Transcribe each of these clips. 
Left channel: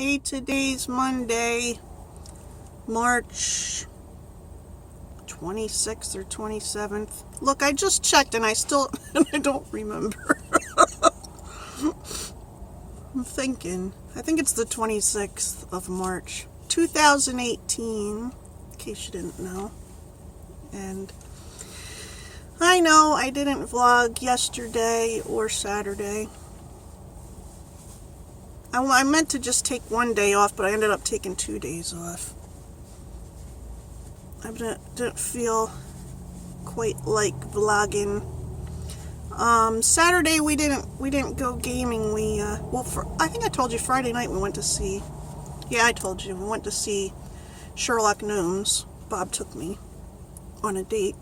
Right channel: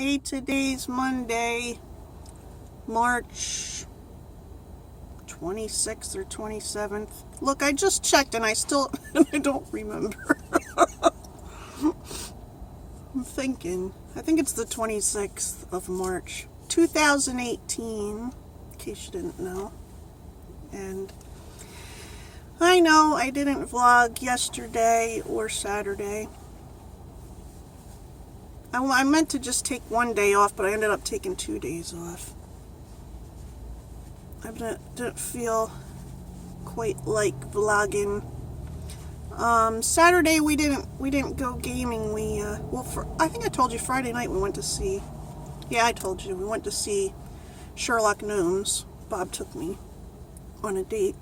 Hey, today's Monday, March 26th or 27th. Look, I just checked and I don't remember. I'm thinking. I think it's the 26th of March, 2018, in case you didn't know. And I know I didn't vlog yesterday or Saturday. I meant to just take one day off, but I ended up taking 2 days off. I didn't feel quite like vlogging. Saturday we didn't go gaming. I think I told you Friday night we went to see. Yeah, I told you we went to see Sherlock Gnomes. Bob took me on a date,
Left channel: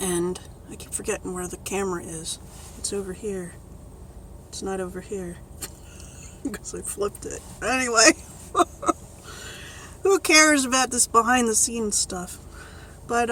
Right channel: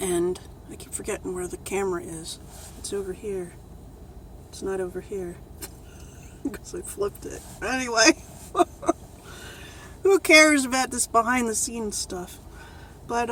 and I keep forgetting where the camera is. It's over here. It's not over here. Because I flipped it. Anyway, who cares about this behind the scenes stuff? But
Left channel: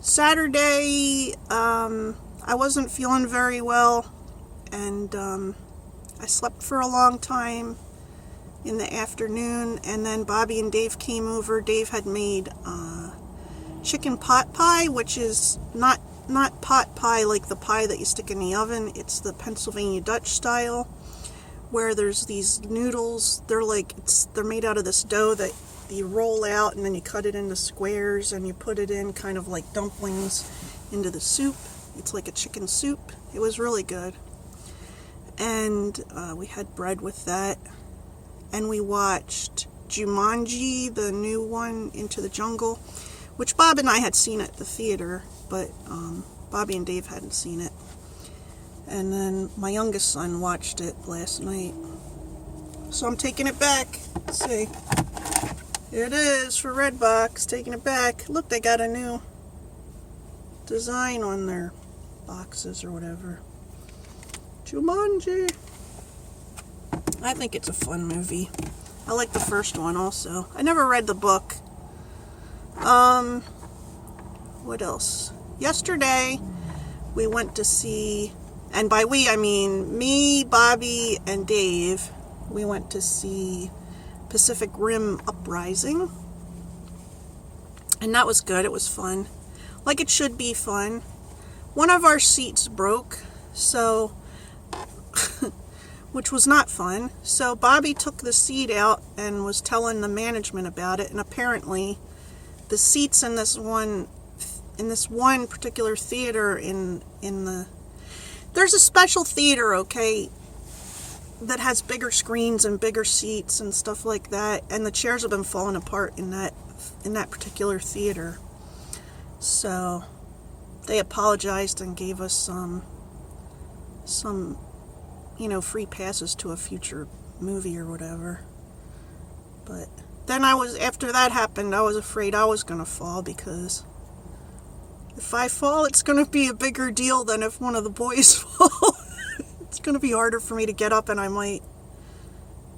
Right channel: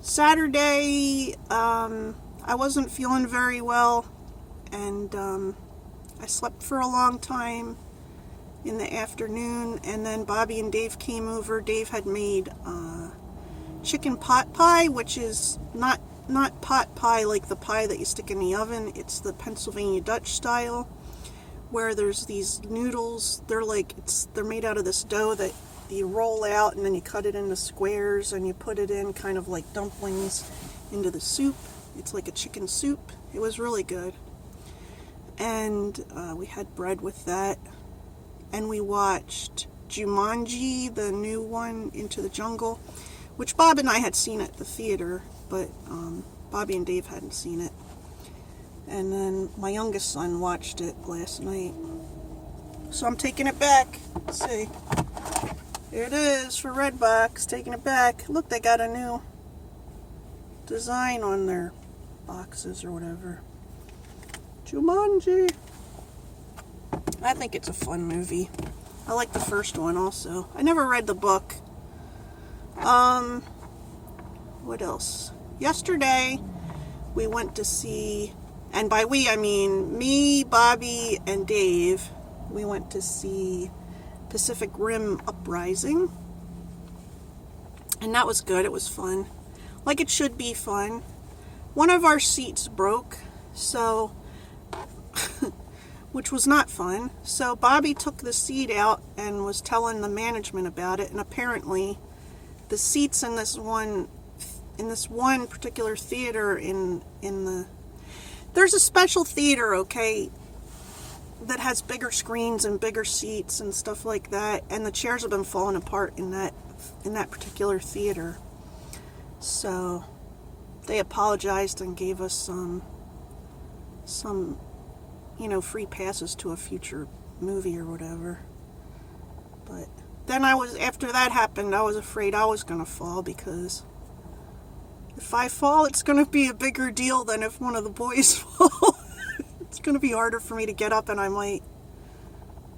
Saturday, I wasn't feeling very well, and I slept for a long time in the afternoon, and then Bobby and Dave came over. Dave had made chicken pot pie, which is not pot pie like the pie that you stick in the oven. It's the Pennsylvania Dutch style, where there's these noodles. They're made out of this dough that you roll out, and then you cut it into squares, and you put it in kind of like dumplings into the soup. It's like a chicken soup. It was really good. And we had bread with that, and we watched Jumanji, the new one, Into the Jungle, which Bob and I had seen at the theater, but Bobby and Dave hadn't seen it. And then my youngest son watched it last night. So I'm taking it back. Let's see. Here it is for Redbox. Taking it back. Look, they got a new design on their boxes or whatever. Jumanji. I think it's a fun movie. I like the first one also. I never read the book. What else? Yesterday, we went to see, and by we, I mean me, Bobby, and Dave. We went to see Pacific Rim Uprising. And that was good. It was fun. Like it should be fun. One of our seats broke, so, which was not fun. So Bobby took the seat out and was telling the management about it, and apparently the seats in this one particular theater there's a special theater, okay, that has bigger screens and bigger seats and stuff like that, and the chairs have been falling apart in that particular theater. So they apologized and gave us some free passes to a future movie or whatever. But then after that happened, I was afraid I was going to fall, because if I fall, it's going to be a bigger deal than if one of the boys fall. It's going to be harder for me to get up, and I might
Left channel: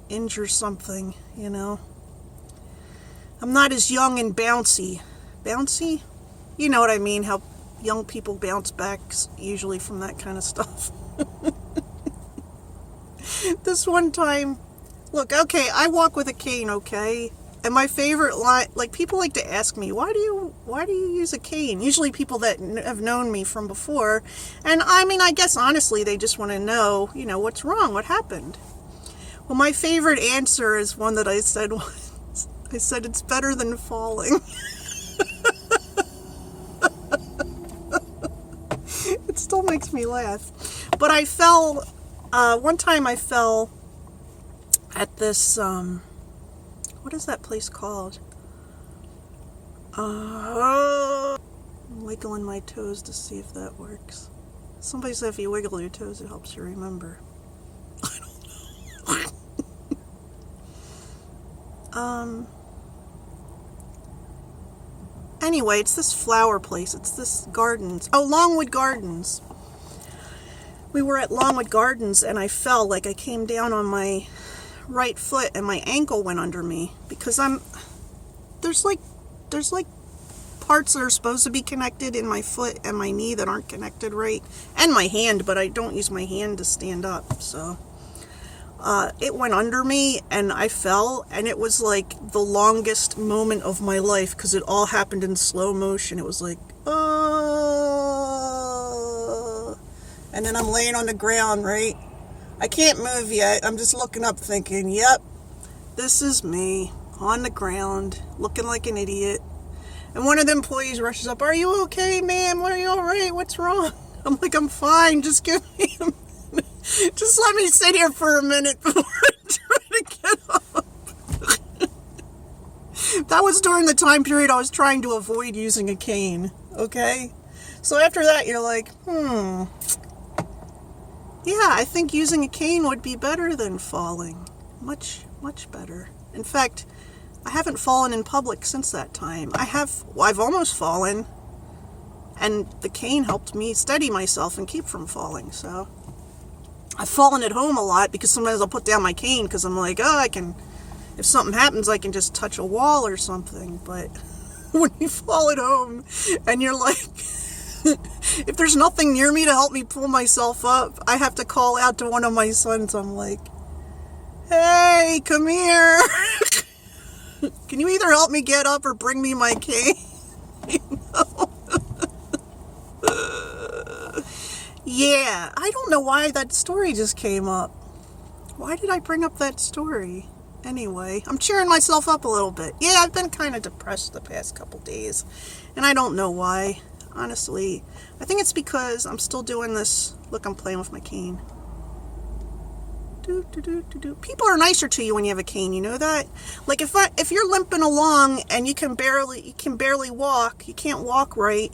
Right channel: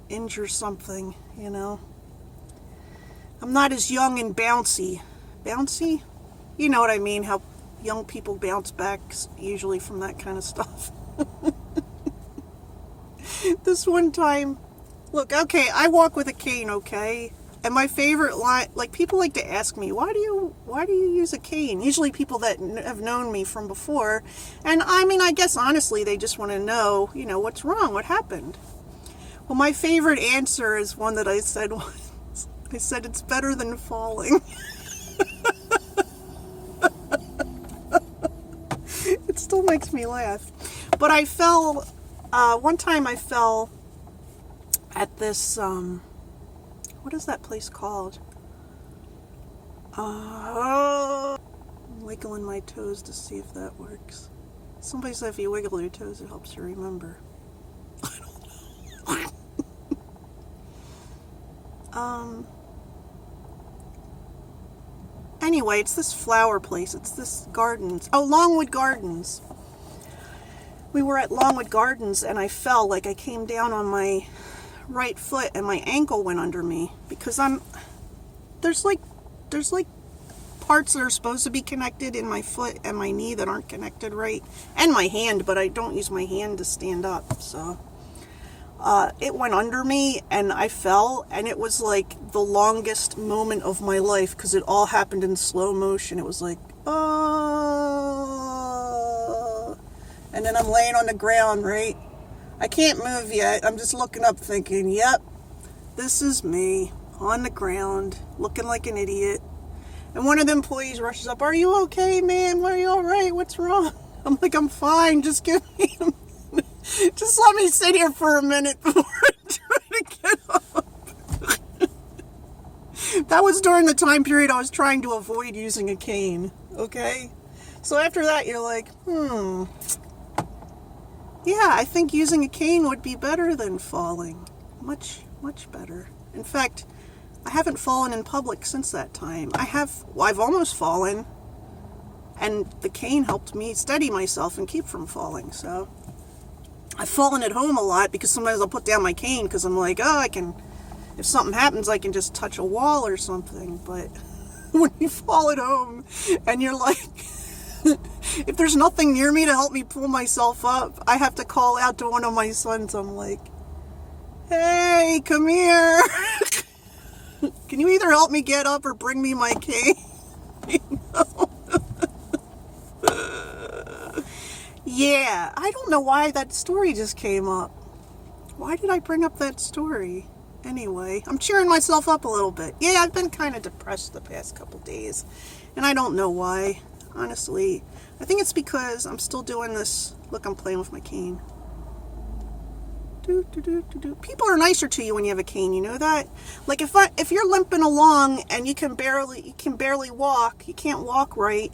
injure something, I'm not as young and bouncy. Bouncy? You know what I mean, how young people bounce back usually from that kind of stuff. This one time, look, okay, I walk with a cane, okay? And my favorite line, like, people like to ask me, why do you use a cane? Usually people that have known me from before. And I mean, I guess honestly, they just want to know, what's wrong? What happened? Well, my favorite answer is one that I said once. I said, it's better than falling. It still makes me laugh. But I fell, one time I fell at this, what is that place called? I'm wiggling my toes to see if that works. Somebody said if you wiggle your toes, it helps you remember. I don't know. Anyway, it's this flower place. It's this gardens. Oh, Longwood Gardens. We were at Longwood Gardens, and I fell. Like, I came down on my right foot and my ankle went under me, because there's like parts that are supposed to be connected in my foot and my knee that aren't connected right, and my hand, but I don't use my hand to stand up. So it went under me and I fell, and it was like the longest moment of my life because it all happened in slow motion. It was like, and then I'm laying on the ground, right? I can't move yet. I'm just looking up thinking, yep, this is me on the ground looking like an idiot. And one of the employees rushes up, are you okay, ma'am? Are you all right? What's wrong? I'm like, I'm fine. Just give me a minute. Just let me sit here for a minute before I try to get up. That was during the time period I was trying to avoid using a cane, okay? So after that, you're like, yeah, I think using a cane would be better than falling. Much, much better. In fact, I haven't fallen in public since that time. I've almost fallen, and the cane helped me steady myself and keep from falling. So I've fallen at home a lot because sometimes I'll put down my cane because I'm like, if something happens, I can just touch a wall or something. But when you fall at home and you're like, if there's nothing near me to help me pull myself up, I have to call out to one of my sons. I'm like, hey, come here. Can you either help me get up or bring me my cane? Yeah, I don't know why that story just came up. Why did I bring up that story? Anyway, I'm cheering myself up a little bit. Yeah, I've been kind of depressed the past couple days, and I don't know why. Honestly, I think it's because I'm still doing this. Look, I'm playing with my cane. People are nicer to you when you have a cane, you know that? Like if you're limping along and you can barely walk, you can't walk right,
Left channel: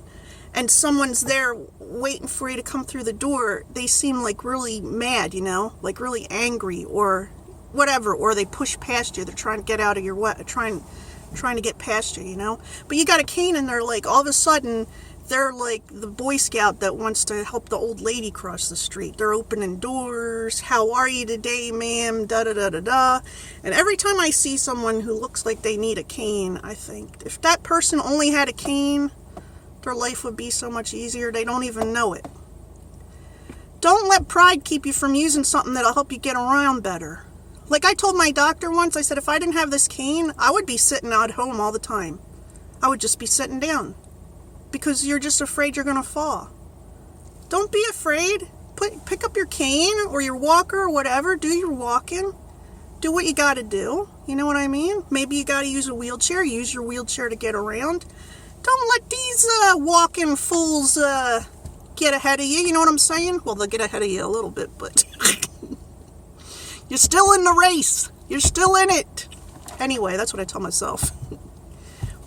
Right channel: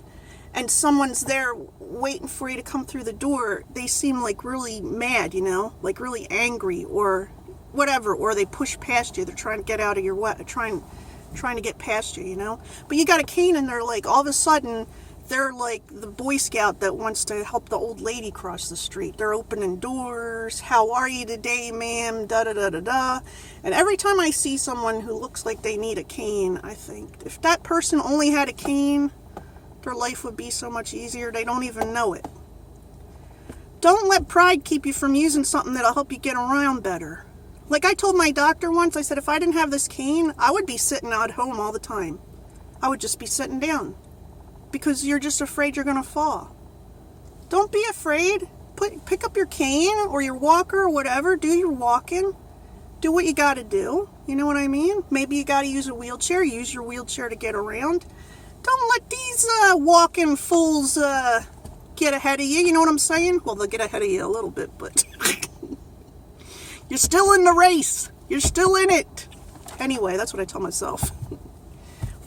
and someone's there waiting for you to come through the door, they seem like really mad, you know, like really angry or whatever, or they push past you. They're trying to get out of your way, trying to get past you, you know. But you got a cane and they're like, all of a sudden, they're like the Boy Scout that wants to help the old lady cross the street. They're opening doors. How are you today, ma'am? Da-da-da-da-da. And every time I see someone who looks like they need a cane, I think, if that person only had a cane, their life would be so much easier. They don't even know it. Don't let pride keep you from using something that'll help you get around better. Like I told my doctor once, I said, if I didn't have this cane, I would be sitting at home all the time. I would just be sitting down. Because you're just afraid you're going to fall. Don't be afraid. Pick up your cane or your walker or whatever. Do your walking. Do what you got to do. You know what I mean? Maybe you got to use a wheelchair. Use your wheelchair to get around. Don't let these walking fools get ahead of you. You know what I'm saying? Well, they'll get ahead of you a little bit, but you're still in the race. You're still in it. Anyway, that's what I tell myself.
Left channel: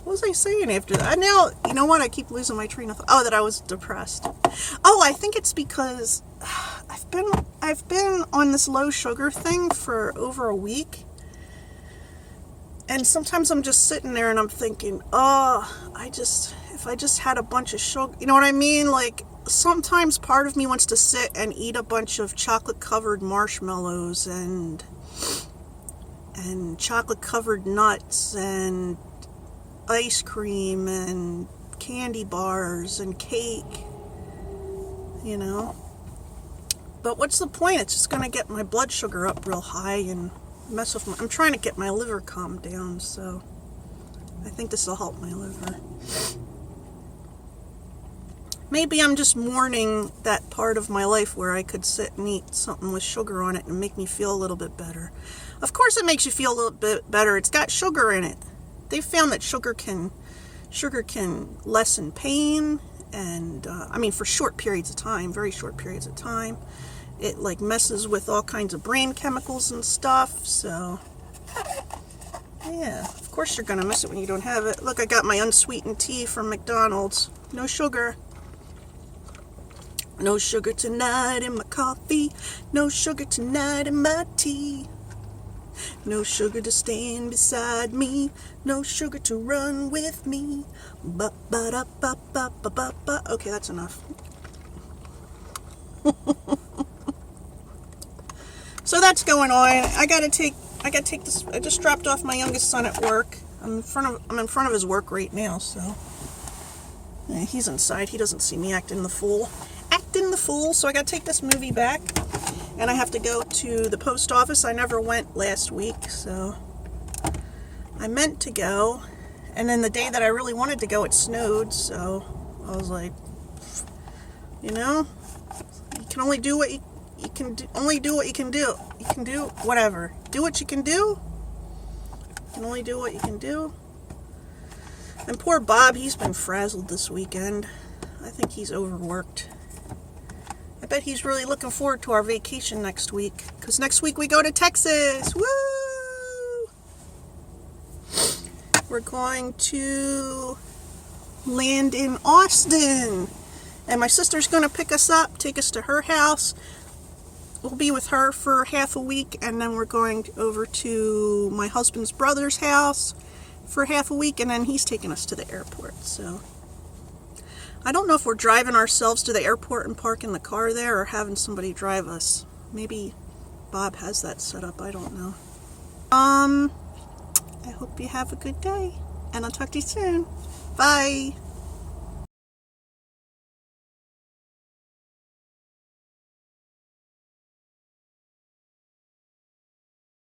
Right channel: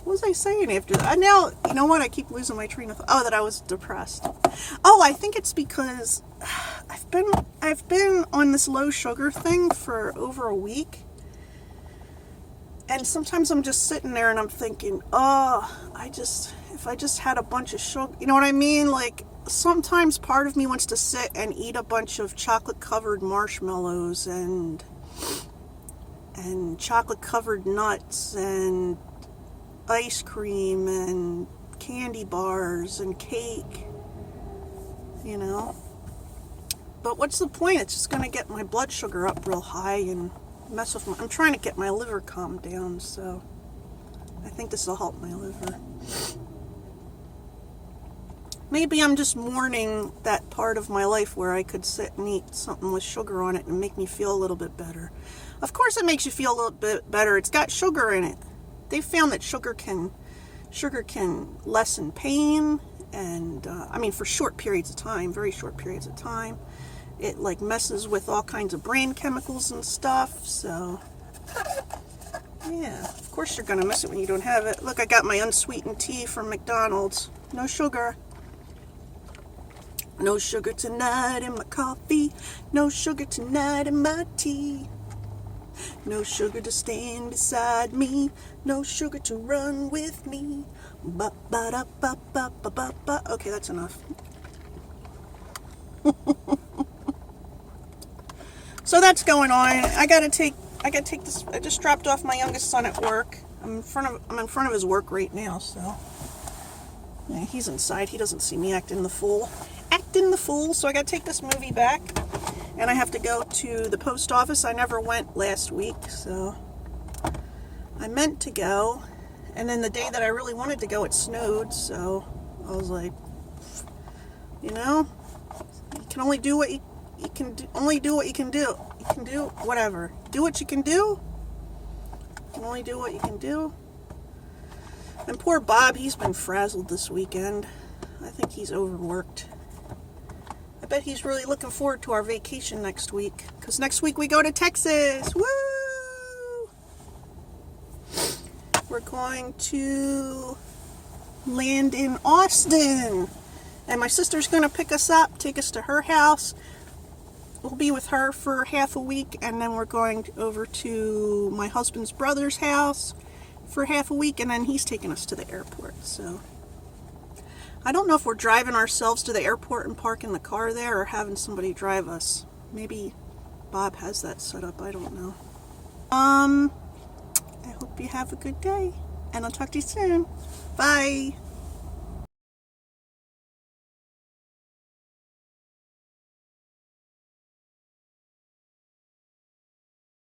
What was I saying after that? You know what? I keep losing my train of thought. Oh, that I was depressed. Oh, I think it's because I've been on this low sugar thing for over a week. And sometimes I'm just sitting there and I'm thinking, if I just had a bunch of sugar, you know what I mean? Like, sometimes part of me wants to sit and eat a bunch of chocolate-covered marshmallows and chocolate-covered nuts and ice cream and candy bars and cake, you know. But what's the point? It's just going to get my blood sugar up real high and mess with I'm trying to get my liver calmed down, so I think this will help my liver. Maybe I'm just mourning that part of my life where I could sit and eat something with sugar on it and make me feel a little bit better. Of course it makes you feel a little bit better. It's got sugar in it. They found that sugar can lessen pain, and for short periods of time, very short periods of time. It like messes with all kinds of brain chemicals and stuff. So yeah, of course you're gonna miss it when you don't have it. Look, I got my unsweetened tea from McDonald's. No sugar. No sugar tonight in my coffee. No sugar tonight in my tea. No sugar to stand beside me. No sugar to run with me. Ba-ba-da-ba-ba-ba-ba-ba. Okay, that's enough. So that's going on. I gotta take this. I just dropped off my youngest son at work. I'm in front of his work right now, so yeah, he's inside. He doesn't see me acting the fool. So I gotta take this movie back. And I have to go to the post office. I never went last week, so I meant to go. And then the day that I really wanted to go, it snowed, so I was like, you know, you can only do what you can do, only do what you can do. You can do whatever. Do what you can do. You can only do what you can do. And poor Bob, he's been frazzled this weekend. I think he's overworked. I bet he's really looking forward to our vacation next week. Because next week we go to Texas. Woo! We're going to land in Austin. And my sister's going to pick us up, take us to her house. We'll be with her for half a week. And then we're going over to my husband's brother's house for half a week. And then he's taking us to the airport. So I don't know if we're driving ourselves to the airport and parking the car there or having somebody drive us. Maybe Bob has that set up. I don't know. I hope you have a good day. And I'll talk to you soon. Bye.